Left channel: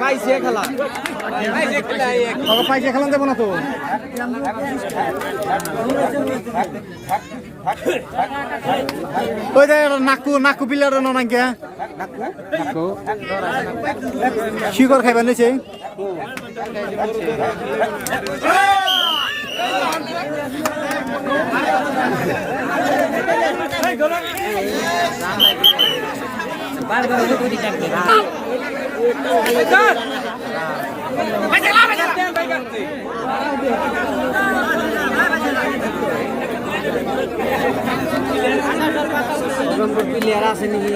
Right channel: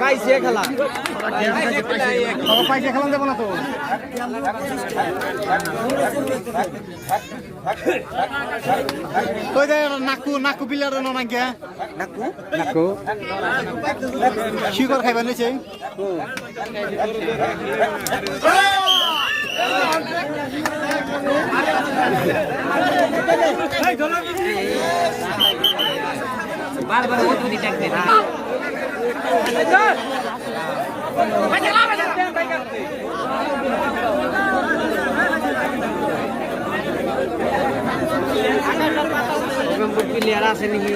পাইছে খেলা দেবো না তো নাকু বিলের নাকি শিকড় খাইবার নিছে প্লেয়ার আছে নাকি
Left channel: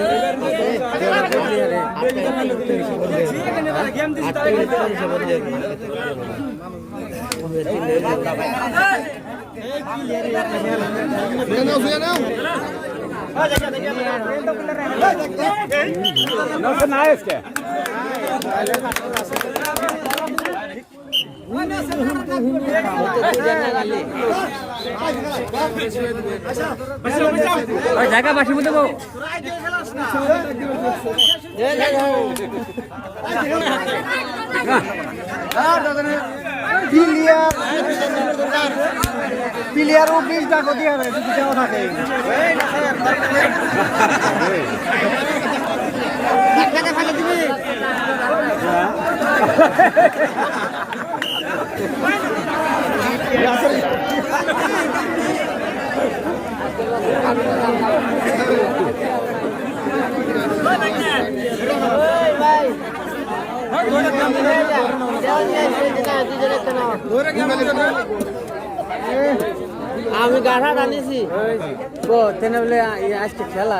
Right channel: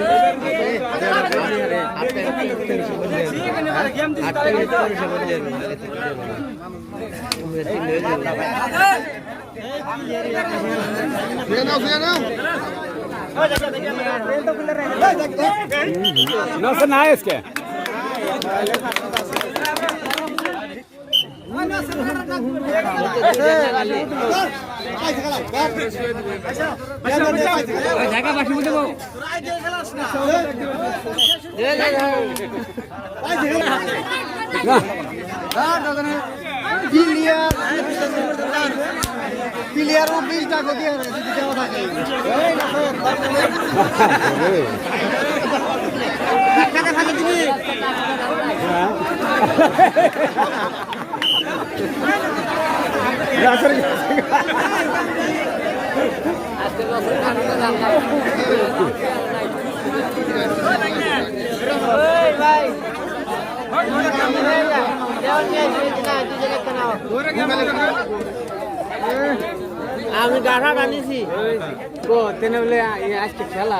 জায়গা বাসি মধ্যে প্লেয়ার 20 টাকা দিয়ে যদি দেওয়া থাকে ফাঁকে দিবি আমি গাড়া আনিছি বলে আজকে খেলা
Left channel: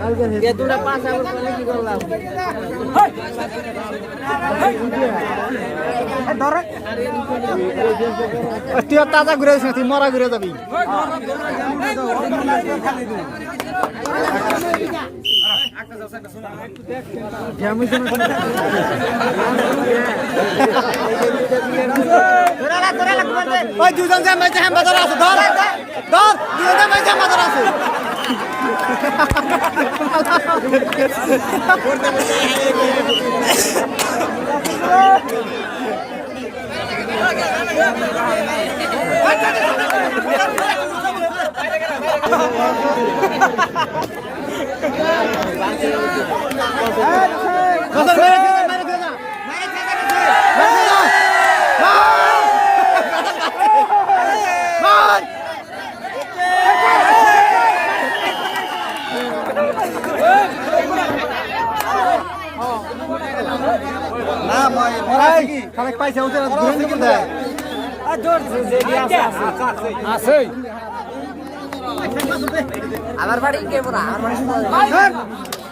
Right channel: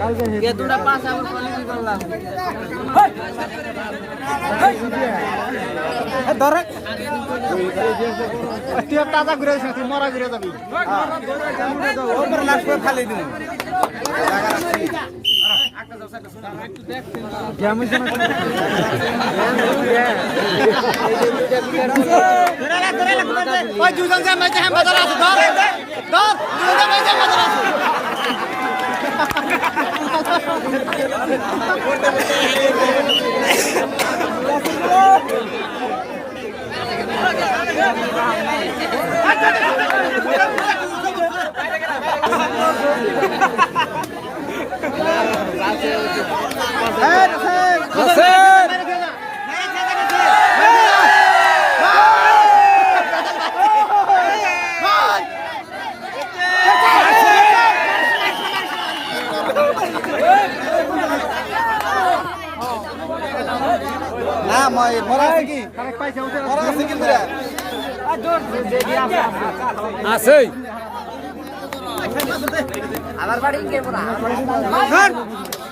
কালকে দুটা পাঁচ আবার কি করলাম তাজা ঘুরে মরা ঘুরে যাবি খালি দিন পাইছে আমার বাড়ি কে বড়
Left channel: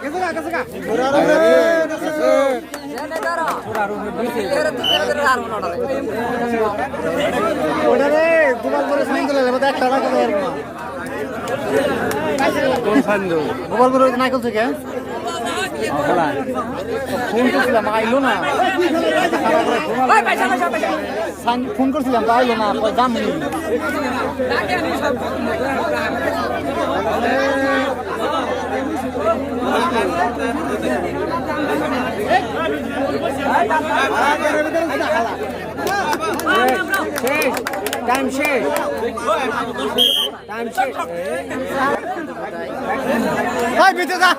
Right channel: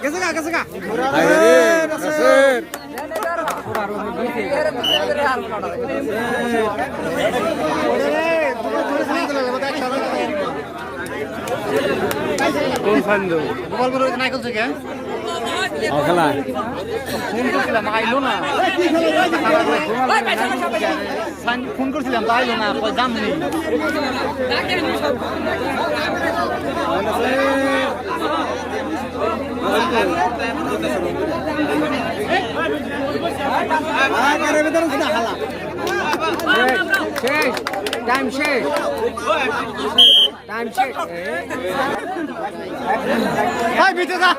কেসে কা কোন ফান্ডো গোপালপুর নাইকল থেকে ফোন করছিলাম আইলো না ফোন করছিলাম তো আইলো না দাম নেই শেষ টাইম শেষ টাইম শেষ ভাই বিতে যা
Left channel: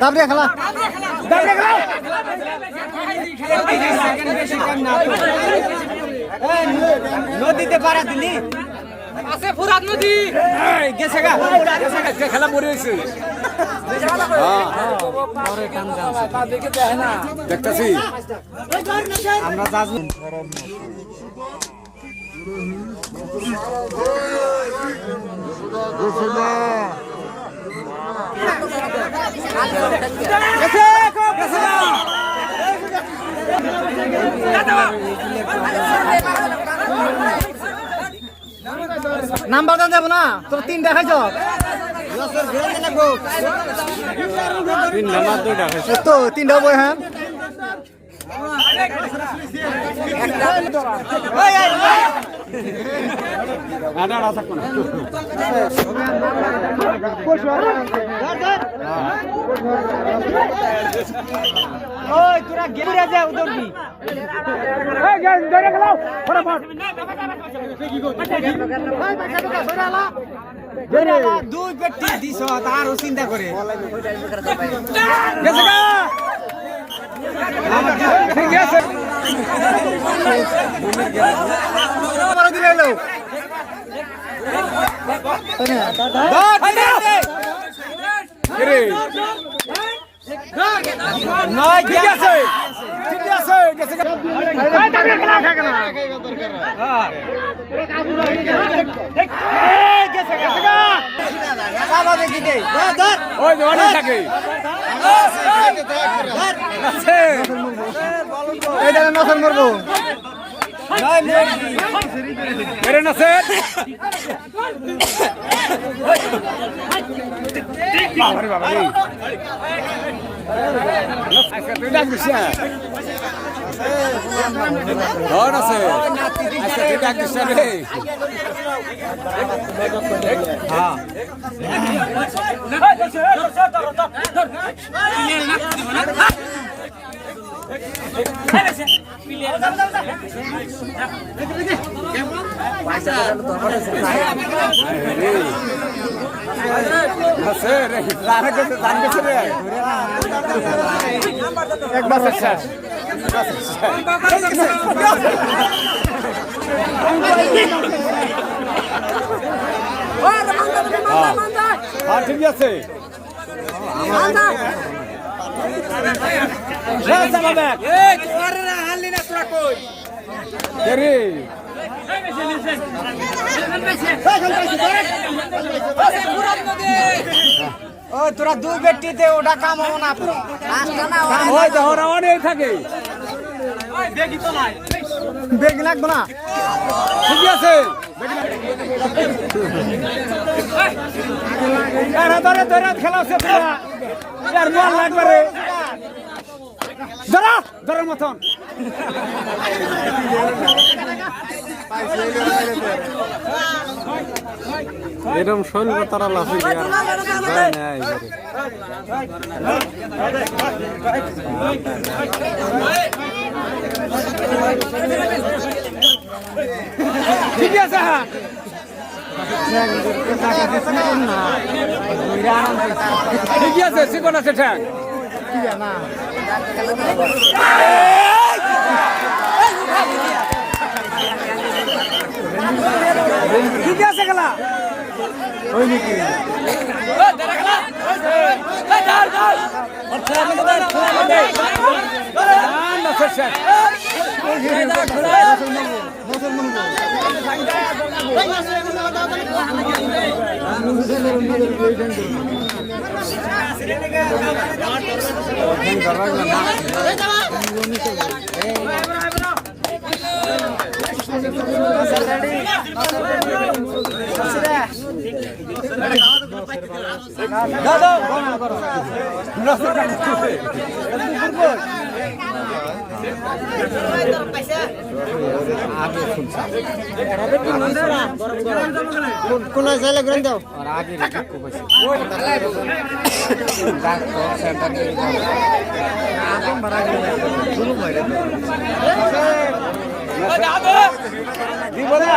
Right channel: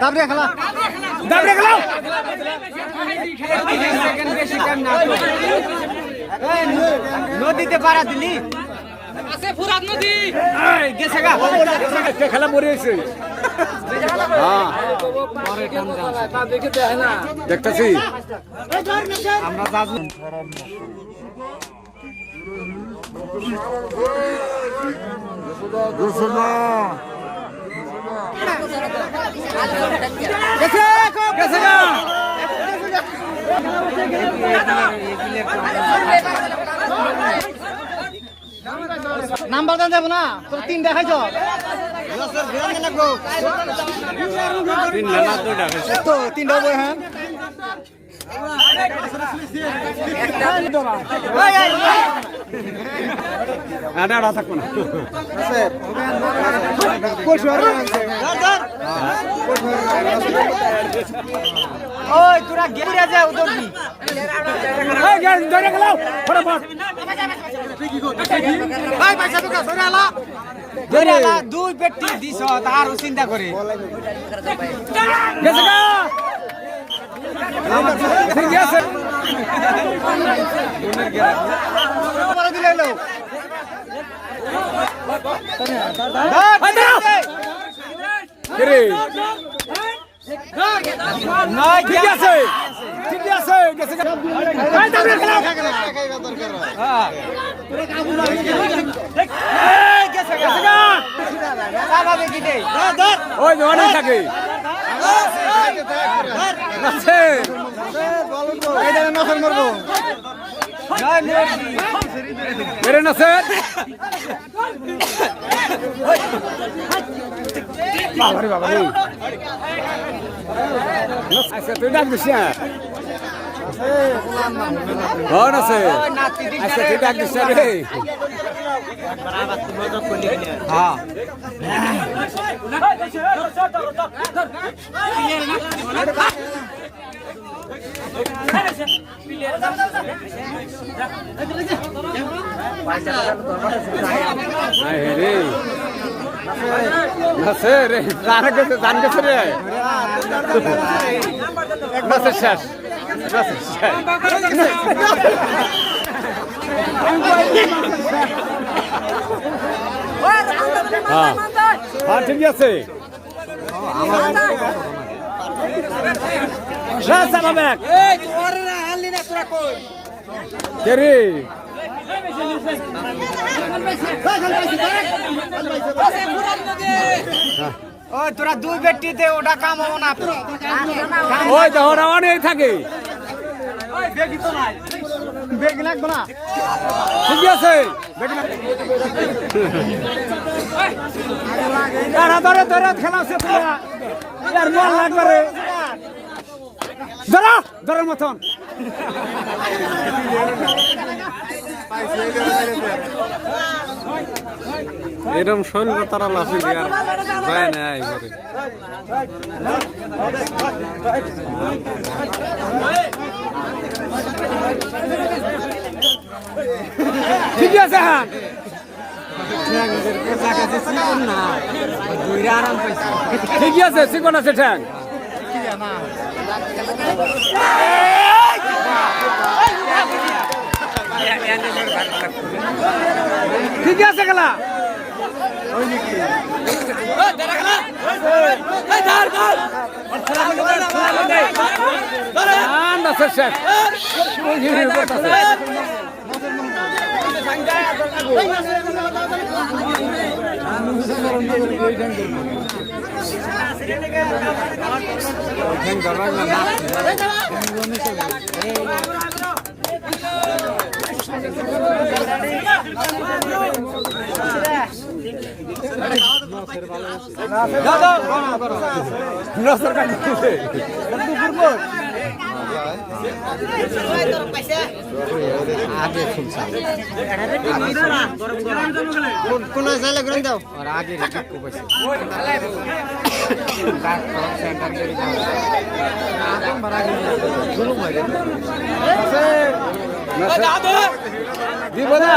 দাবড়ে খেলা সেকেন্ড বেশি টাইম না তো নদীতে পারা দিলি আছে ফুরাত নদী এই গেছে গা খেলা পড়ে হইছে পরে কাম জানছে দেখতেছি আমরা জাজমেন্ট নাম্বার দান দেব না তোর তিন দেখাইছ তিন নাম্বার দুইটা হয়েছে তো তিনটা বই হ্যাঁ ওই তোরা গেপুরা যা উদর দি দুই ব্যক্তি দিছ তারও চিন্তা করে আমার ঠিক আছে নয় ঠিক আছে ঠিক আছে গেছে ভাই দাবড়ে খেলা খেলা হ্যাঁ গেছে গেছে চালা দেখি দে ওই ধরে থাকে আছে এইটা নতুন করব নয় লোক এরে না স্যার বাবা বাবা এই আচ্ছা তুই ডাক দিস ঘর আছে আচ্ছা তুই ডাক দিস রে হ্যাঁ রে আছে রে জানা গেছে জান গেছে রে এক মাসের শেষ হ্যাঁ হ্যাঁ ঠিক আছে রে ও তোরা দুই ব্যক্তিতে ওটা কাম হবো না ওই ধরা অনেক থাকে বেগ লাগবো না ঠিক আছে ধরে খেলা আছে লাগবে রে ধরা ধরার মতন এরকম শৈল তারা লাফি আর যায় না ঠিক আছে হ্যাঁ ঠিক আছে শিকন আছে ঠ্যাং ঠিক আছে গেলা দাদা করো আগে শুনছাম কোন জায়গা গ্রন্থ দাও আর আগে রেকো পাইছে গাছ তো সেন্টার দিয়ে আপন ভাড়া দিলে শুরু মারে দিব না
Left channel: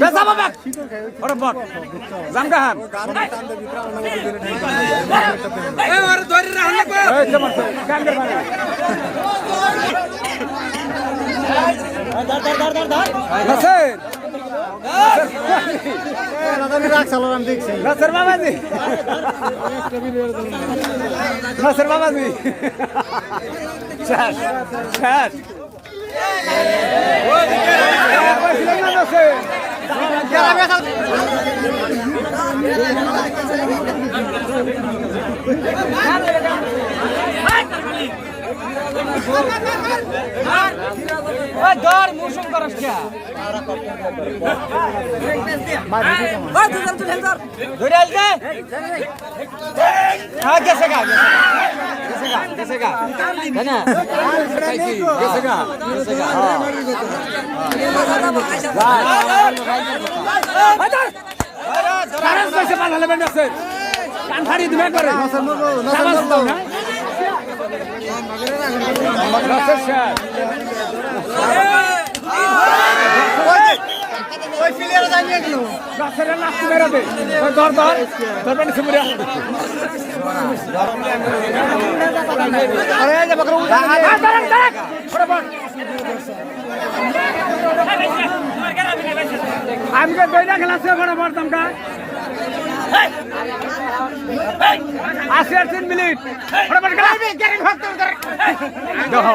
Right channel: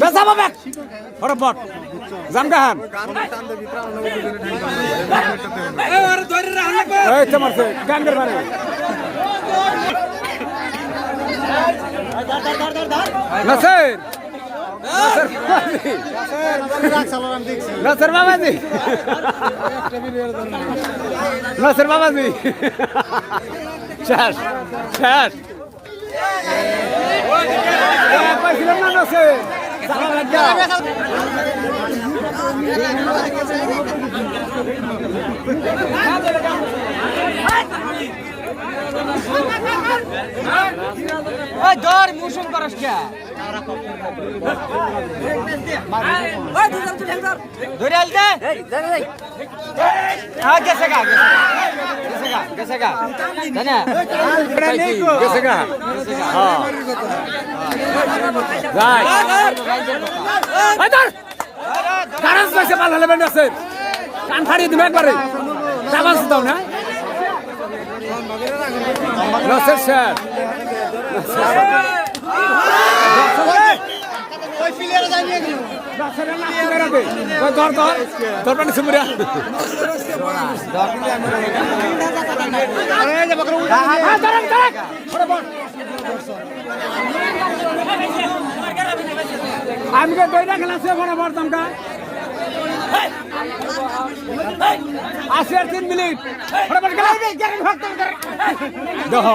বেসা বাবা বরাবর জামগাহান আরে ওর ধরে রাখলে এই তো মারছে গ্যাঙ্গের বারে নাসির নাসির বাবাজি নাসির বাবাজি শেষ শেষ ধর মুসুম করস কে ধরে আলতে হ্যাঁ গেছে গা গেছে গা না গেছে গা কারণ পয়সা ভালো হলে বেঁধে কান ফাড়ি দিবে একবারে জামা দাও না আমি খেলাছে বরাবর তোমাকে 3 মিনিট বরাবর খেলা দেখো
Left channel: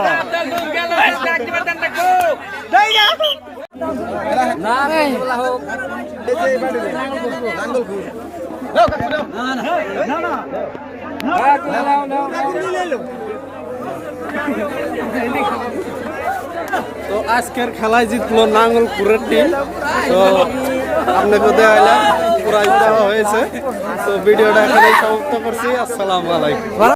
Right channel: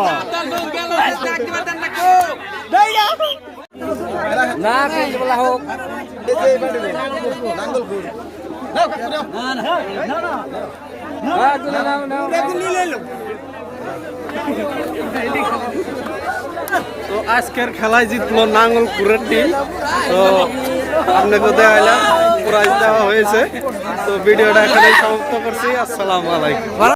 তো আজকের খেলায় জিতলো নাঙ্গলপুরের টিম। তো আপনাকে দেওয়া প্রাইজ দেওয়া হয়েছে। তো ভিডিওটা এখানেই সমাপ্ত করছি। আসসালামু আলাইকুম।